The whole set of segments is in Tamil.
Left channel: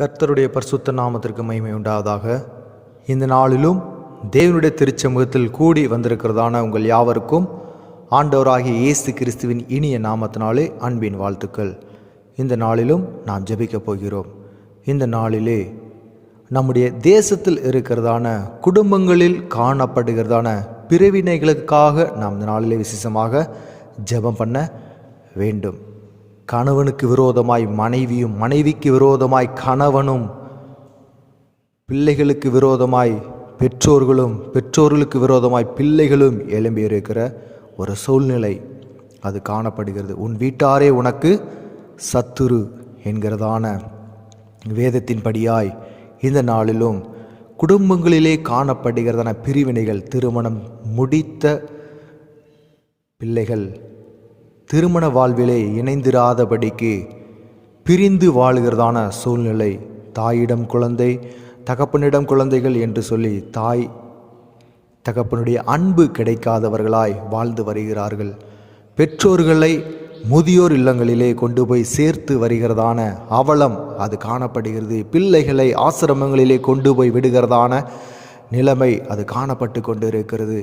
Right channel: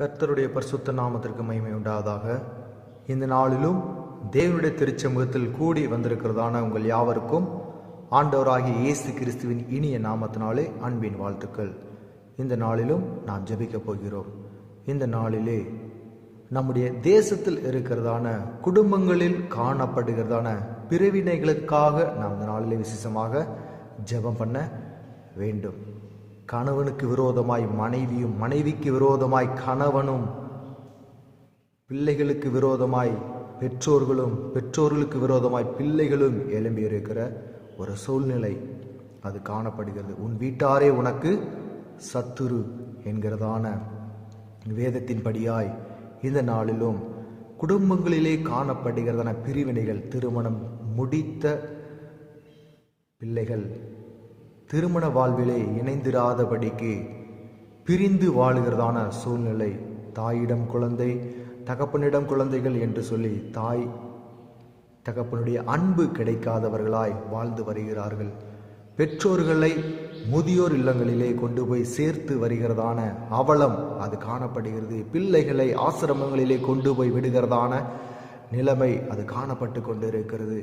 கர்த்தருடைய பரிசுத்த நாமத்திற்கு மகிமை உண்டாவதாக. இந்த நாளிலும் தேவனுடைய திருச்சமூகத்தில் கூடி வந்திருக்கிறதான உங்கள் யாவருக்கும் ஆண்டவராகிய இயேசு கிறிஸ்துவின் இனிய நாமத்தினாலே அன்பின் வாழ்த்துக்கள். இந்த நாளிலும் நாம் ஜெபிக்கப் போகிறோம். இந்த நாளிலே நம்முடைய தேசத்தில் இருக்கிறதான குடும்பங்களில் காணப்படுகிறதான பிரிவினைகளுக்காக நாம் இந்த நாளிலே விசேஷமாக ஜெபம் பண்ண வேண்டும். கணவனுக்கு விரோதமாய் மனைவியும், மனைவிக்கு விரோதமாய் கணவனும், பிள்ளைகளுக்கு விரோதமாய் பெற்றோர்களும், பெற்றோர்களுக்கு விரோதமாய் பிள்ளைகளும் எழும்பியிருக்கிற ஒரு சூழ்நிலை அது காணப்படுகிறது. உன் வீட்டாரே உனக்கு சத்துரு என்கிறதான வேதத்தின்படியாய் இந்த நாளிலும் குடும்பங்களிலே காணப்படுகிறதான பிரிவினைகள், திருமணம் முடித்த பிள்ளைகள் திருமண வாழ்விலே இணைந்திராதபடிக்கு பிரிந்து வாழ்கிறதான சூழ்நிலை, தாயிடம் குழந்தை, தகப்பனிடம் குழந்தைகள் என்று சொல்லி தாய் தகப்பனுடைய அன்பு கிடைக்காதவர்களாய் வாழ்ந்து வருகிறார்கள். பெற்றோர்களை முதியோர் இல்லங்களிலே கொண்டு போய் சேர்த்து வருகிறதான அவலம் அது காணப்படுகிறது. பிள்ளைகளை ஆசிரமங்களிலே கொண்டு போய் விடுகிறதான நிலைமை அது காணப்பட்டு கொண்டு இருக்கிறது.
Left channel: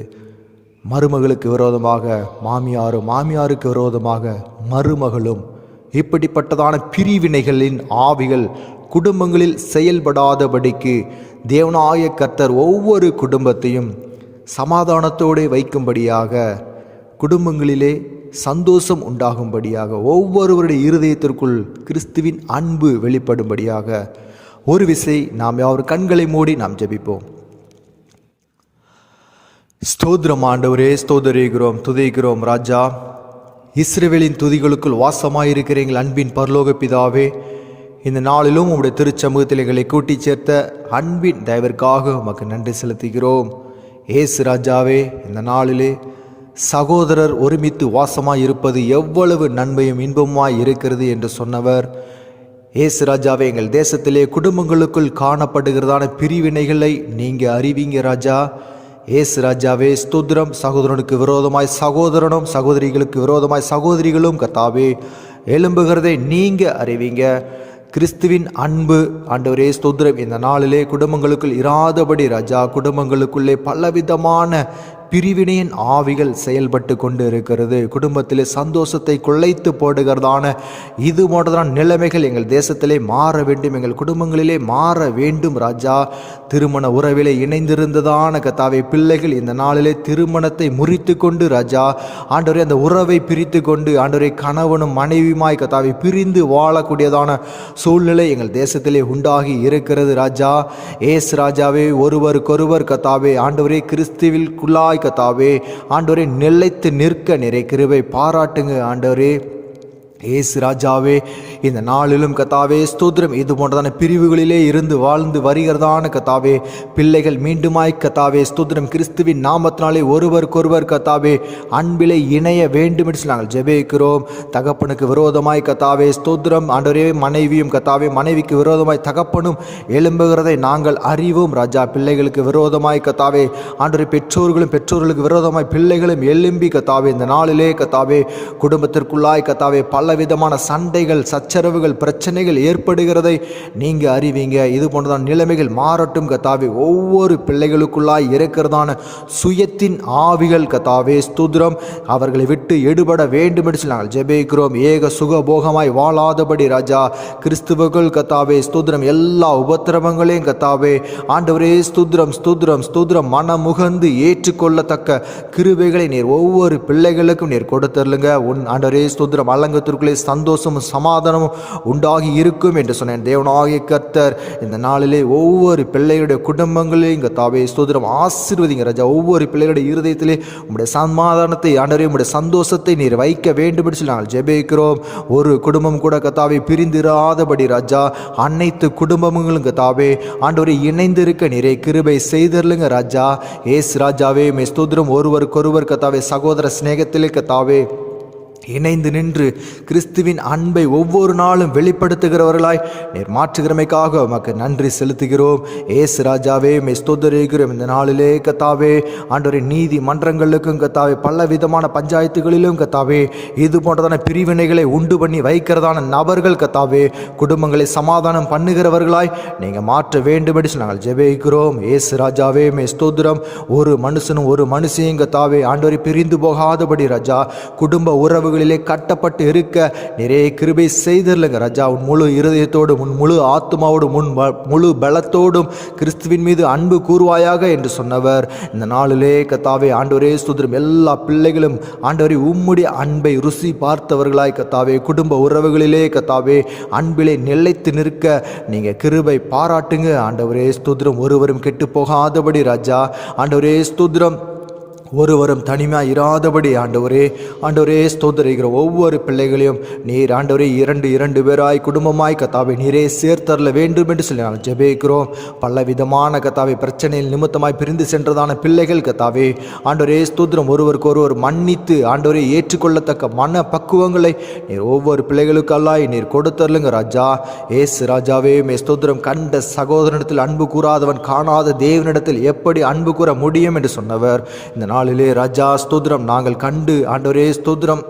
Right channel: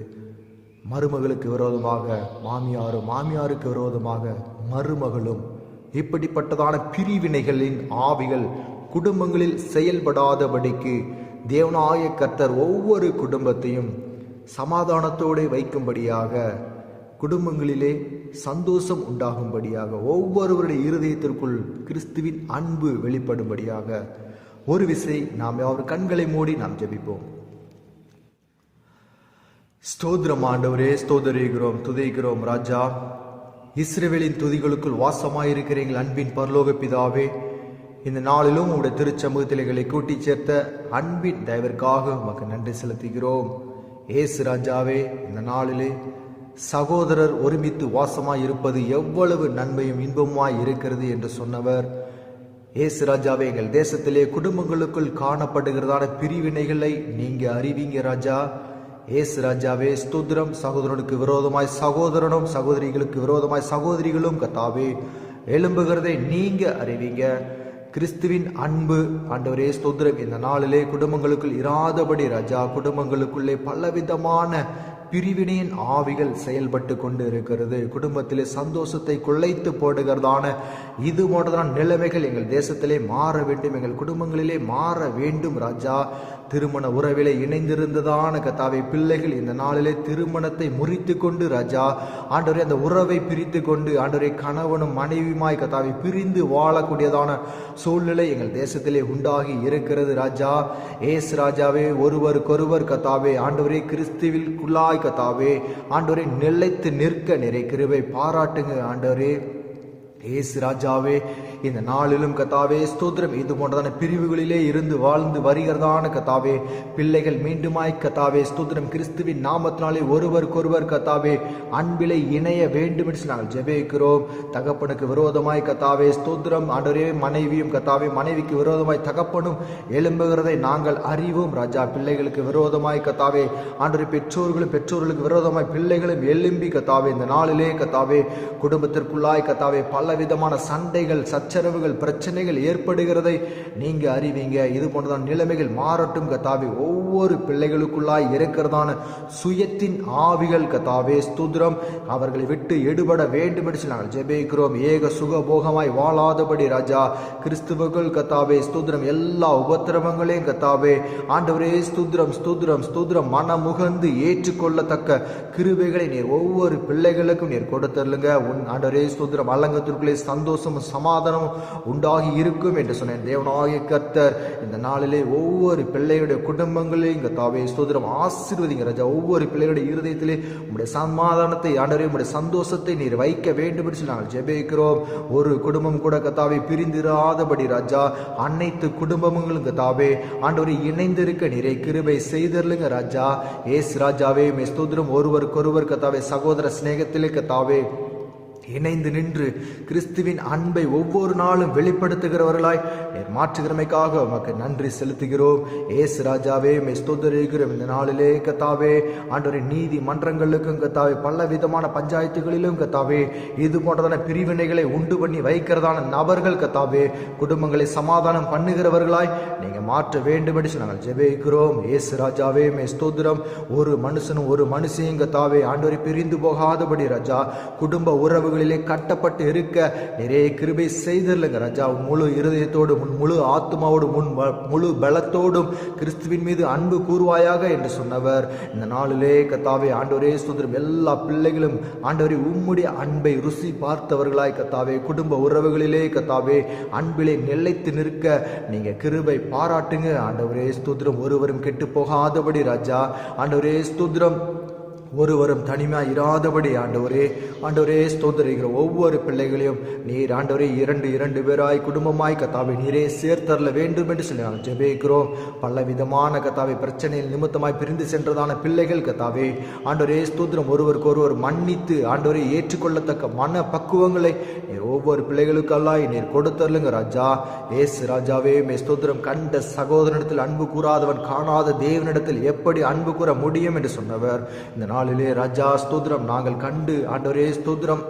மருமகளுக்கு விரோதமாக மாமியாரும், மாமியாருக்கு விரோதமாக மருமகளும், இப்படிப்பட்டதான பிரிவினைகளின் ஆவிகள் குடும்பங்களில் செயல்படாதபடிக்கு தேவனாய கர்த்தர் ஒவ்வொரு குடும்பத்தையும் சமாதானத்தோடு வைக்கும்படியாக, குடும்பங்களிலே சந்தோஷம் உண்டாகும்படியாக, ஒவ்வொருவருடைய இருதயத்திற்குள் கிறிஸ்துவின் அன்பு வெளிப்படும்படியாக ஒரு விசை நாம் யாவர் கண்களை மூடி நாம் ஜெபிப்போம். ஸ்தோத்திரம் ஆண்டவரே, ஸ்தோதரிக்கிறோம், துதிக்கிறோம் ராஜா. இஸ்ரவேலின் துதிகளுக்குள் வாசமாயிருக்கிற எங்கள் அன்பின் பரலோக பிதாவே, இந்த நாளிலும் உங்களுடைய திருச்சமூகத்தில் எங்களை கூட்டி சேர்த்த அன்பின் தயவிற்காக உமக்கு நன்றி செலுத்துகிறோம். ஏசு ராஜாவே, இந்த நாளிலே சகோதரர் ஒருமித்து வாசமாய் இருப்பது எவ்வளவு நன்மையும் இன்பமாய் இருக்கிறது என்று சொன்னவர் ஏசு ராஜாவே, எங்கள் தேசத்திலே குடும்பங்களுக்குள் காணப்படுகிறதான பிரிவினைகளை நீங்கள் அறிவிங்க ராஜா. ஏசு ராஜாவே, ஸ்தோத்திரம். சகோதரனுக்கு விரோதமாய் சகோதரனும், சகோதரிகளுக்கு விரோதமாய் சகோதரிகளும் கர்த்தாவே எழும்புகிறதை நீங்கள் அறிவிங்க. கிறிஸ்துவின் அன்பு ஆண்டவரே ஸ்தோத்திரம் இந்த நாளிலே குடும்பங்களுக்குள் இராதபடி ராஜா, குடும்பங்களுக்குள்ளே பலவிதமான பிரிவினையின் ஆவிகள் செயல்பட்டு கொண்டு இருக்கிறது. குடும்பத்திலே சந்தோஷத்தை கொள்ளைத்து போடுகிறதான இது போன்றதான நிலைமைகள் எங்கள் தேசத்திலே மாற வேண்டும், எங்கள் குடும்பங்களிலே மாற வேண்டும் ராஜா. திருமண உறவிலே இணைந்திருந்ததான கர்த்தாவே பிள்ளைகள் இந்த நாளிலே திருமணத்தை முறித்து கொண்டு ராஜா ஆண்டவரே அந்த உறவை பிரித்து கொண்டு ஆண்டவரே கணவனும் மனைவியுமாய் கர்த்தாவே பிரிந்து வாழக்கூடியதான சூழ்நிலை எங்கள் தேசத்திலே உண்டாகி இருக்கிறது ராஜா. ஏசு ராஜாவே, ஒருவருக்கொருவர் கர்த்தாவே ஆண்டவரே கிறிஸ்துவிற்குள்ளாய் கர்த்தாவே ஆண்டவரே நிலைத்து நிற்க நிறை கிருபை பாராட்டுங்க ஆண்டவரே. ஏசு ராஜாவே, இந்த நாளிலும் கர்த்தாவே ஸ்தோத்திரம் இது போன்றதான பிரிவுகளிலே இருந்து வாழ்ந்து வருகிறதான கர்த்தாவே பிள்ளைகள் மீண்டுமாய் கர்த்தாவே ஸ்தோத்திரம் கிறிஸ்துவின் நாமத்தினாலே ஒருவருக்கொருவர் கர்த்தாவே அன்பிலே இணைய வேண்டும் என்று நாங்கள் ஜெபிக்கிறோம். தகப்பனுக்கு விரோதமாய் கர்த்தாவே ஸ்தோத்திரம் ஆண்டவரே மனைவியும் கர்த்தாவே மனைவிக்கு விரோதமாய் தகப்பனும் எழும்புகிறதை நாங்கள் அறிவோம் ராஜா. பிள்ளைகளுக்கு விரோதமாய் கர்த்தாவே ஆண்டவரே பெற்றோர்களும், பெற்றோர்களுக்கு விரோதமாய் பிள்ளைகளும் எழும்பி கர்த்தாவே இந்த நாளிலே கர்த்தாவே குடும்பத்திற்குள்ளாய் கர்த்தாவே பல விதமான சண்டைகள், சச்சரவுகள், பிரச்சனைகள் ஏற்படுகிறதை நீங்க அறிவீங்க. இது போன்றதான நிலைமைகள் மாறட்டும் கர்த்தாவே. ஒவ்வொரு பிள்ளைகளுக்குள்ளாய் இருக்கிறதான சுயத்தின் ஆவிகள் கர்த்தாவே ஸ்தோத்திரம் அவர்களை விட்டு எடுபட வேண்டும் என்று நாங்கள் ஜெபிக்கிறோம். ஏக சுகபோகமாய் வாழாதபடி ராஜா கிறிஸ்துவர்கள் கர்த்தாவே ஸ்தோத்திரம் எல்லா உபத்திரவங்களையும் கர்த்தாவே ஆண்டவரே ஸ்தோத்திரம் ஸ்தோத்திரம் ஸ்தோத்திரம் மனமுகந்து ஏற்றுக்கொள்ளத்தக்க கிருபைகளை நீர் ஒவ்வொரு பிள்ளைகளுக்கும் நீர் கொடுத்தருளுங்க. உன் ஆண்டவரே ஸ்தோத்திரம் அலங்கத்திற்கு சந்தோஷமும் சமாதானமும் உண்டாகி இருக்கும் என்று சொன்னேன். தேவனாகிய கர்த்தர் இந்த நாளிலே ஒவ்வொரு பிள்ளைகளுடைய குடும்பங்களையும் கர்த்தாவே ஸ்தோத்திரம் ஆசீர்வதிங்க ராஜா. ஒவ்வொரு பிள்ளைகளுடைய இருதயத்திலே உங்களுடைய சமாதானத்தை ஆண்டவரே உங்களுடைய சந்தோஷத்தை நீர் வைக்க வேண்டும் என்று நாங்கள் ஜெபிக்கிறோம். ஒரு குடும்பம் கூட கர்த்தாவே பிரிந்திராதபடி ராஜா அனைத்து குடும்பங்களும் கர்த்தாவே ஆண்டவரே இணைந்திருக்க நிறை கிருபை செய்தருளுங்க ராஜா. ஏசு ராஜாவே ஸ்தோத்திரம் ஒருவருக்கொருவர் கர்த்தாவே சகோதர சிநேகத்திலே கர்த்தாவே இணைந்து நின்று கிறிஸ்துவின் அன்பை ஒவ்வொரு நாளும் வெளிப்படுத்துகிறவர்களாய் நீர் மாற்றுகிறமைக்காக உமக்கு நன்றி செலுத்துகிறோம். ஏசு ராஜாவே மே ஸ்தோத்திரிக்கிறோம். இந்த நாளிலே கத்தாவே ஆண்டவரே நீதி மன்றங்களுக்கும் கத்தாவே பல விதமான பஞ்சாயத்துகளிலும் கத்தாவே இது போன்றதான பிரிவினைகளை உண்டு பண்ணி வைக்கிறதான நபர்கள் கத்தாவே குடும்பங்களை சமாதானம் பண்ணுகிறவர்களாய் நீங்கள் மாற்ற வேண்டும்படி நாங்கள் ஜெபிக்கிறோம். ஏசு ராஜாவே மே ஸ்தோத்திரம். ஒரு மனுஷனும் ஒரு மனுஷையும் கத்தாவே ஆண்டவரை பிரிந்து போகாதபடி ராஜா குடும்ப உறவு கட்டப்பட்டு இருக்க நிறைய கிருபை செய்திருங்க ராஜா. உன் முழு இருதயத்தோடும் உன் முழு ஆத்மாவோடும் உன் முழு பலத்தோடும் கிறிஸ்துவின் மீது அன்பு கூறுவாயாக என்று சொன்னவர் இந்த நாளிலே கத்தாவே ஆண்டவரே ஸ்தோத்திரம். எல்லா பிள்ளைகளும் ஆண்டவரே உம்முடைய அன்பை ருசி பார்த்தவர்களாய் கத்தாவே குடும்ப உறவுகளிலே கத்தாவே அன்பிலே நிலைத்து நிற்க நீங்க கிருபை பாராட்டுங்க ஆண்டவரே ஸ்தோத்திரம். ஒருவரும் கெட்டு போகாதபடி ராஜா ஆண்டவரே ஸ்தோத்திரம். ஒருவரும் தனிமையாக இராதபடி ஆண்டவரே ஸ்தோத்திரிக்கிற ஒவ்வொரு பிள்ளைகளையும் நீர் ஆண்டவரே இரண்டு பேராய் குடும்பமாய் கத்தாவை நீரே சேர்த்தரல வேண்டும் என்று சொல்லி நாங்கள் ஜெபிக்கிறோம். பல விதமான கத்தாவை பிரச்சனையில் நிமித்தமாய் பிரிந்து சென்றதான பிள்ளைகள் கத்தாவே ஆண்டவரே ஸ்தோத்திரம். ஒருவருக்கு ஒருவர் மன்னித்து ஆண்டவரை ஏற்றுக்கொள்ளத்தக்க மன பக்குவங்களை நீர் ஒவ்வொரு பிள்ளைகளுக்கெல்லாம் நீர் கொடுத்தரலுங்க ராஜா. ஏசு ராஜாவே மே ஸ்தோத்திரம். கண்ட சகோதரனிடத்தில் அன்பு கூறாதவன் காணாத தேவனிடத்தில் எப்படி அன்பு கூற முடியும் என்று சொன்னவர் இந்த நாளிலே ராஜா ஸ்தோத்திரம். நாங்கள் கண்டு ஆண்டவரே ஸ்தோத்திரம்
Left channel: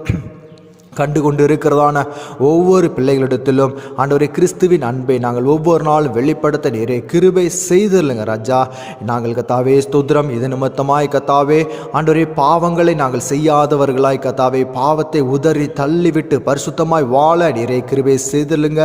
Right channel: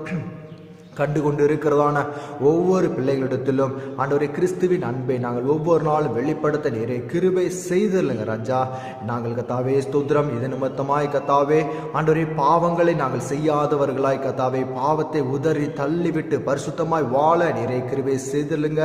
கண்டு கொண்டு இருக்கிறதான ஒவ்வொரு பிள்ளைகளிடத்திலும் ஆண்டவரே கிறிஸ்துவின் அன்பை நாங்கள் ஒவ்வொரு நாளும் வெளிப்படுத்த நீரே கிருபை செய்திருங்க ராஜா. நாங்கள் கத்தாவே ஸ்தோத்திரம். இது நிமித்தமாய் கத்தாவே ஆண்டவரே பாவங்களை நாங்கள் செய்யாதவர்களாய் கத்தாவே பாவத்தை உதறி தள்ளிவிட்டு பரிசுத்தமாய் வாழ நீரே கிருபை செய்திருங்க.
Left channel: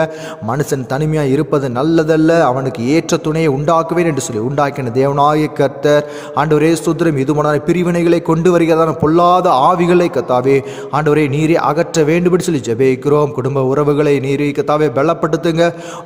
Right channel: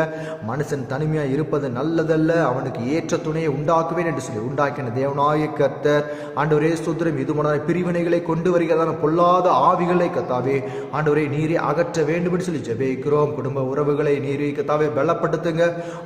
மனுஷன் தனிமையாக இருப்பது நல்லதல்ல, அவனுக்கு ஏற்ற துணையை உண்டாக்குவேன் என்று சொல்லி உண்டாக்கின தேவனாய கர்த்தர் ஆண்டவரே ஸ்தோத்திரம். இது போன பிரிவினைகளை கொண்டு வருகிறதான பொல்லாத ஆவிகளை கத்தாவே ஆண்டவரே நீரே அகற்ற வேண்டும்படி சொல்லி ஜெபிக்கிறோம். குடும்ப உறவுகளை நீரே கத்தாவே பலப்படுத்துங்க.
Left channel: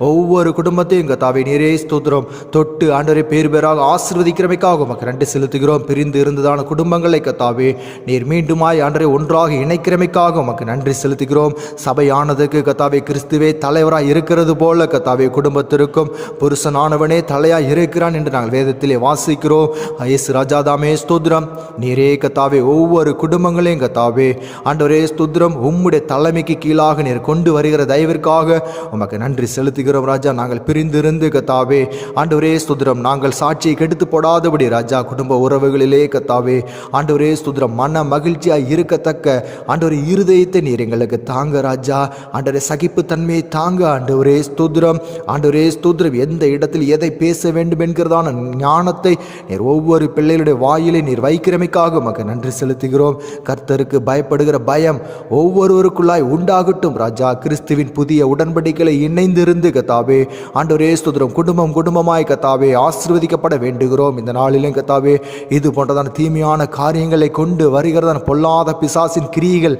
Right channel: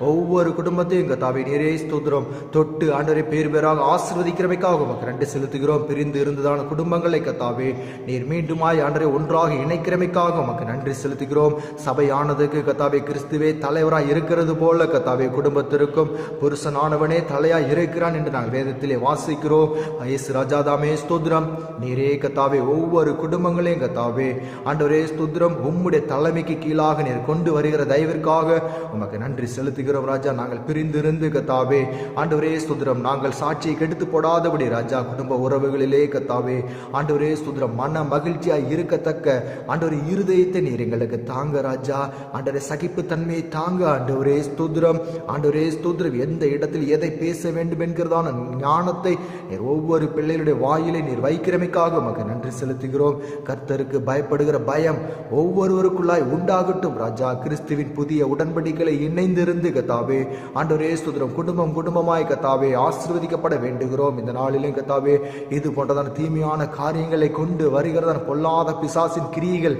ஒவ்வொரு குடும்பத்தையும் கத்தாவே நீரே ஸ்தோத்திரம் தொட்டு ஆண்டவரை பேராக ஆசீர்வதிக்கிறமைக்காக உமக்கு நன்றி செலுத்துகிறோம். பிரிந்து இருந்ததான குடும்பங்களை கத்தாவே நீர் மீண்டுமாய் ஆண்டவரை ஒன்றாக இணைக்கிறமைக்காக உமக்கு நன்றி செலுத்துகிறோம். சபையானதுக்கு கத்தாவே கிறிஸ்துவே தலைவராய் இருக்கிறது போல கத்தாவே குடும்பத்திற்கும் புருஷனானவனே தலையாய் இருக்கிறான் என்று நாங்கள் வேதத்திலே வாசிக்கிறோம். இயேசு ராஜாதாமே ஸ்தோத்திரம். நீரே கத்தாவே ஒவ்வொரு குடும்பங்களையும் கத்தாவே ஆண்டவரே ஸ்தோத்திரம் உம்முடைய தலைமைக்கு கீழாக நீர் கொண்டு வருகிற தயவிற்காக உமக்கு நன்றி செலுத்துகிறோம் ராஜா. நாங்கள் பிரிந்திருந்து கத்தாவே ஆண்டவரே ஸ்தோத்திரம். நாங்கள் சாட்சியை கெடுத்து போடாதபடி ராஜா குடும்ப உறவுகளிலே கத்தாவே ஆண்டவரே ஸ்தோத்திரம் மன மகிழ்ச்சியாய் இருக்கத்தக்க ஆண்டவரே இருதயத்தை நீர் எங்களுக்கு தாங்க ராஜா. ஆண்டவரே சகிப்பு தன்மையை தாங்க ஆண்டவரே ஸ்தோத்திரம். ஆண்டவரே ஸ்தோத்திரம். எந்த இடத்தில் எதை பேச வேண்டும் என்கிறதான ஞானத்தை நீர் ஒவ்வொரு பிள்ளைகளுடைய வாயிலை நீர் வைக்கிறமைக்காக உமக்கு நன்றி செலுத்துகிறோம். கர்த்தருக்கு பயப்படுகிற பயம் ஒவ்வொருவருக்குள்ளாய் உண்டாகட்டும் ராஜா. கிறிஸ்துவின் புதிய உடன்படிக்கைகளை இணைந்திருந்து கத்தாவே ஆண்டவரே ஸ்தோத்திரம் குடும்பமாய் கத்தாவே ஆசீர்வதிக்கப்பட வேண்டுகிறோம். இந்த நாளிலும் கத்தாவே இது போன்றதான தீமையான காரியங்களை கொண்டு வருகிறதான பொல்லாத பிசாசின் கிரியைகள்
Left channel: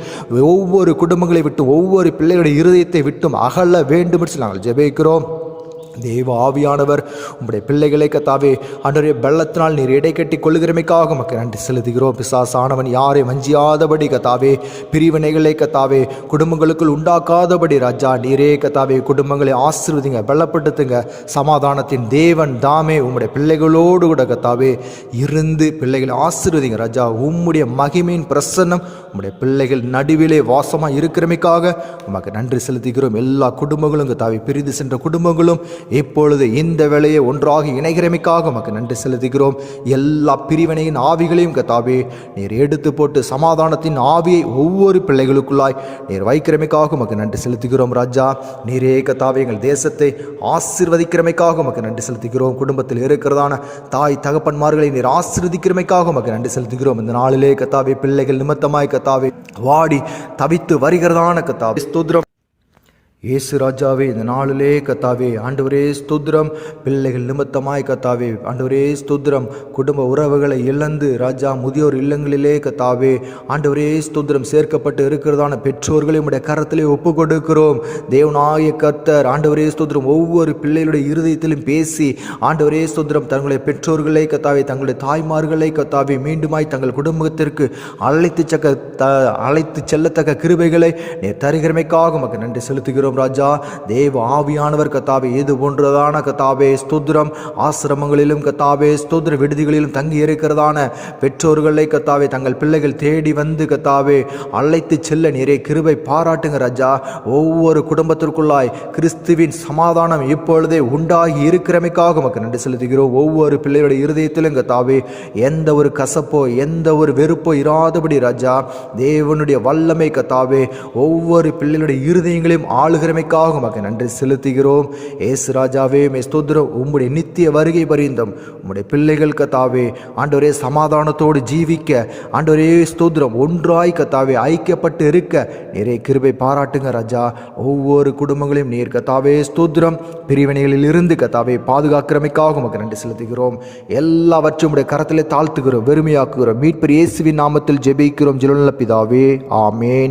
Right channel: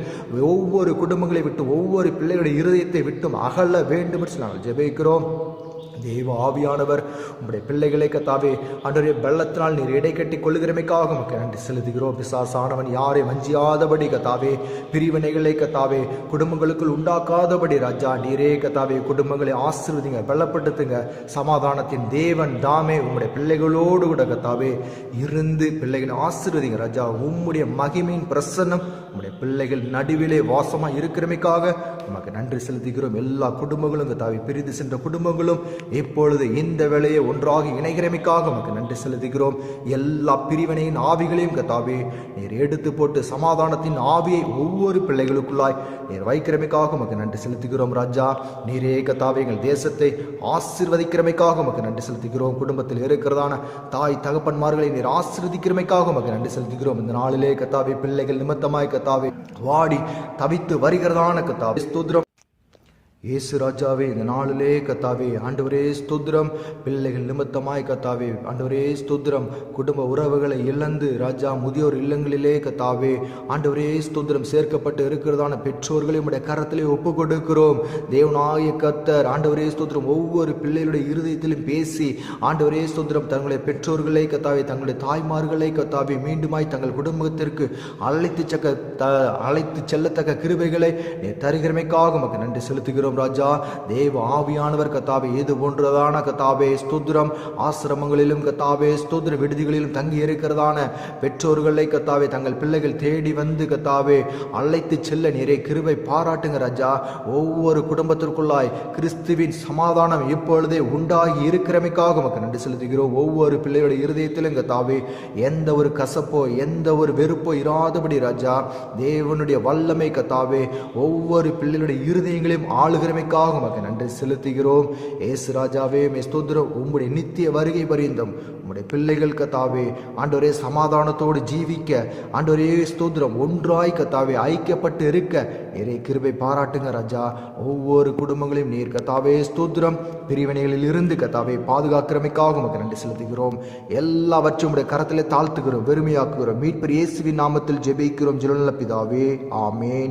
ஒவ்வொரு குடும்பங்களை விட்டும் ஒவ்வொரு பிள்ளைகளுடைய இருதயத்தை விட்டும் அகல வேண்டும் என்று நாங்கள் ஜெபிக்கிறோம். தேவ ஆவியானவர் உங்களுடைய பிள்ளைகளை கத்தாவே ஆண்டவரே பலத்தினால் நீர் இடை கட்டி கொள்ளுகிறமைக்காக உமக்கு நன்றி செலுத்துகிறோம். பிசாசானவன் யாரை வஞ்சியாதபடி கத்தாவே பிரிவினைகளை கத்தாவே குடும்பங்களுக்குள் உண்டாக்காதபடி ராஜா நீரே கத்தாவே குடும்பங்களை ஆசீர்வதிங்க பலப்படுத்துங்க. சமாதானத்தின் தேவன் தாமே உம்முடைய பிள்ளைகளோடு கூட கத்தாவே இருந்து பிள்ளைகளை ஆசீர்வதிங்க ராஜா. உம்முடைய மகிமையின் பிரசன்னம் உம்முடைய பிள்ளைகள் நடுவிலே வாசமாக இருக்கிறமைக்காக உமக்கு நன்றி செலுத்துகிறோம். எல்லா குடும்பங்களும் கத்தாவே பிரிந்து சென்ற குடும்பங்களும் இப்பொழுது இந்த வேளையை ஒன்றாக இணைகிறமைக்காக உமக்கு நன்றி செலுத்துகிறோம். எல்லா பிரிவினையின் ஆவிகளையும் கத்தாவே நீர் எடுத்து போட்டு சமாதானத்தின் ஆவியை ஒவ்வொரு பிள்ளைகளுக்குள்ளாய் நீர் வைக்கிறமைக்காக உமக்கு நன்றி செலுத்துகிறோம் ராஜா. நீரே கத்தாவே எங்கள் தேசத்தை ஆசீர்வதிக்கிறமைக்காக உமக்கு நன்றி செலுத்துகிறோம். குடும்பத்தில் இருக்கிறதான தாய் தகப்பன்மார்களை நீர் ஆசீர்வதிக்கிறமைக்காக உமக்கு நன்றி செலுத்துகிறோம். இந்த நாளிலே கத்தாவே பிள்ளைகள் நிமித்தமாய் கத்தாவே வாடி தவித்து வருகிறதான கத்தாவே ஸ்தோத்திரம். இயேசு ராஜாவே இந்த நாளிலே கத்தாவே ஆண்டவரே ஸ்தோத்திரம். பிள்ளைகள் நிமித்தமாய் கத்தாவே ஆண்டவரே ஸ்தோத்திரம் குடும்ப உறவுகளை இழந்து ராஜா முதியோர் இல்லங்களிலே கத்தாவே ஆண்டவரே ஸ்தோத்திரம் சேர்க்கப்பட்டு இருக்கிறதான பெற்றோர்களை உம்முடைய கரத்திலே ஒப்பு கொடுக்கிறோம். தேவனாய கர்த்தர் ஆண்டவரே ஸ்தோத்திரம் ஒவ்வொரு பிள்ளைகளுடைய இருதயத்திலும் பேசி ஆண்டவரே ஸ்தோத்திரம் தங்களுடைய பெற்றோர்களை கத்தாவே தங்களுடைய தாய்மார்களை கத்தாவே மீண்டுமாய் தங்கள் குடும்பத்திற்கு அழைத்து செல்லத்தக்க கிருபைகளை நீர் தருகிறமைக்காக உமக்கு நன்றி செலுத்துகிறோம் செலுத்துகிறோம் ராஜா. தேவ ஆவியானவர் கத்தாவே இது போன்றதான கத்தாவே ஸ்தோத்திரம் ஆசிரமங்களிலும் கத்தாவே ஸ்தோத்திர விடுதிகளிலும் தங்கி இருக்கிறதான பெற்றோர்களை கத்தாவே தங்கள் பிள்ளைகள் தேடி வந்து கத்தாவே அழைத்து செல்ல நிறைய கிருபை பாராட்டுங்க ராஜா. ஒவ்வொரு குடும்பத்திற்குள்ளாய் கிறிஸ்துவின் சமாதானம் இப்பொழுதே உண்டாகி இருக்கிறமைக்காக உமக்கு நன்றி செலுத்துகிறோம். ஒவ்வொரு பிள்ளைகளுடைய இருதயத்திலும் கத்தாவே எந்த ஒரு கசப்போ எந்த ஒரு வெறுப்போ இராதபடி ராஜா தேவனுடைய வல்லமை கத்தாவே ஒவ்வொரு பிள்ளைகளுடைய இருதயங்களையும் ஆளுகிறமைக்காக உமக்கு நன்றி செலுத்துகிறோம். ஏசு ராஜாவே மே ஸ்தோத்திரம். உம்முடைய நித்திய வருகை பரிந்தும் உம்முடைய பிள்ளைகள் கத்தாவே ஆண்டவரே சமாதானத்தோடு ஜீவிக்க ஆண்டவரே ஸ்தோத்திரம் ஒன்றாய் கத்தாவே ஐக்கியப்பட்டு இருக்க நிறைய கிருபை பாராட்டுங்க ராஜா. ஒவ்வொரு குடும்பங்களையும் நீர் கத்தாவே ஸ்தோத்திரம் பிரிவினைகளில் இருந்து கத்தாவே பாதுகாக்கிறமைக்காக உமக்கு நன்றி செலுத்துகிறோம். எல்லாவற்றும் உடைய கரத்திலே தாழ்த்துகிறோம், வெறுமையாக்குகிறோம். மீட்பர் இயேசுவின் நாமத்தில் ஜெபிக்கிறோம் ஜெபமுள்ள பிதாவே, ஆமேன்.